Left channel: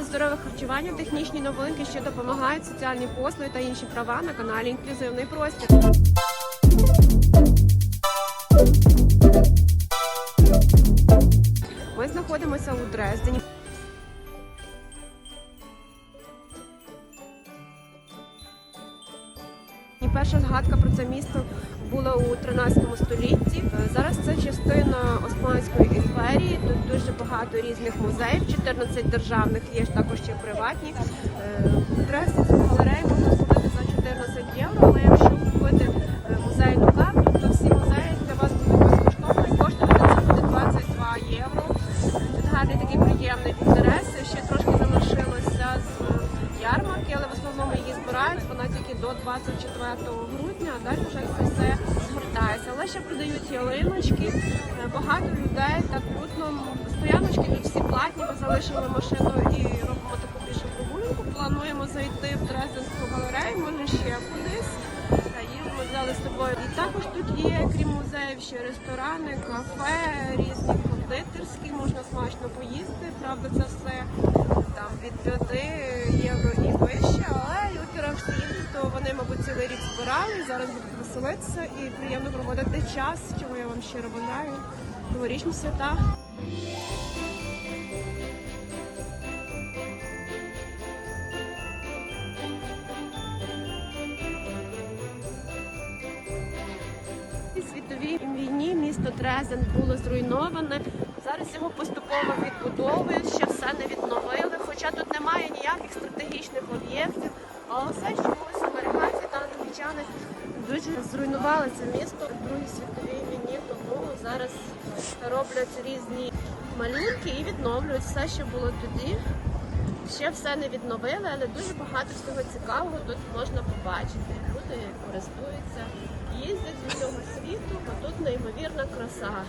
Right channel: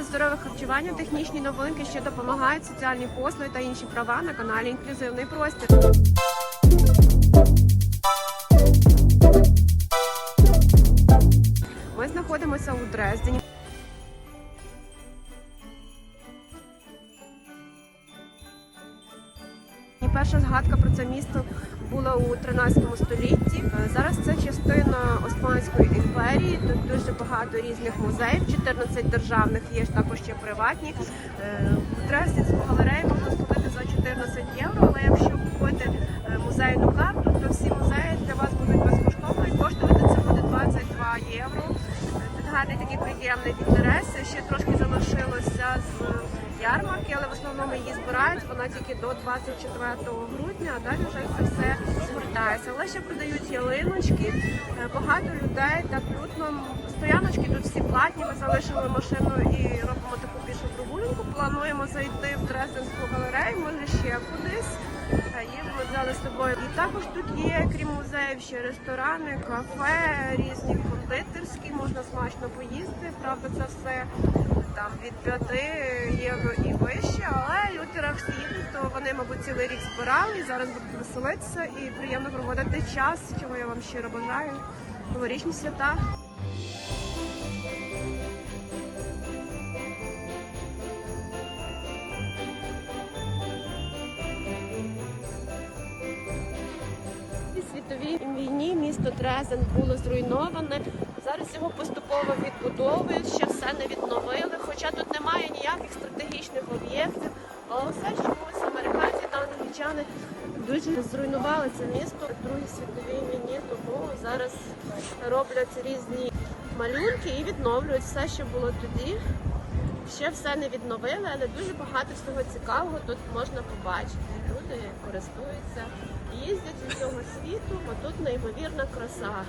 Про здорове харчування, технічні новинки, що допомагають соціальні послуги та інші права на каналі Інклюзивний простір. Ми знаходимося у Дрездені. Перша згадка про це місто була у 13 столітті. Зараз частина Османської імперії. Тут дуже багато різних музеїв, 14 державних, є ж також ще приватні. Е, цю галерею можна купити за 14 євро, але якщо купити е, музейну карту, то всі музеї для вас будуть безкоштовно і коштувати це буде 22 євро. Гарний такий приємний інтерес. Ще трошки залишилося з ярмарки, але в основному її збирають. Вона тільки до 24 грудня, а далі вже це все згортається. Але ще продають ялиночки. Е, Багато людей так людно. Стояночки тут всі платні. Ми залишили машину і робимо таку пішу прогулянку. Плануємо зайти в Дрезденську галерею, може ще кудись. Їдемо взяли з собою. І також тут є, крім музеїв, ще ресторани, кафе, різні кондитерські, можна смачно поїсти. Правда, це все там від 5 євро і вище, але люди раз то вони, мабуть, цілий рік збирали зараз будуть веселитися і приємно проводити час, чого я вам щиро бажаю. Новорічні свята. У світовій війні місто Дрезен було зруйноване. Зараз його поступово відбудовують, ще все не відновили. Хоча тут немає ніяких стратегічних об'єктів. Але все чомусь американці та англічани дуже зруйнували це місто в Другій світовій війні, тому зараз роблять різні малюнки і відновлюють все, що було тоді. Ще все не відновили, але дуже багато всього цікавого тут можна побачити. Люди користуються, їздять світу, бо тут неймовірна краса.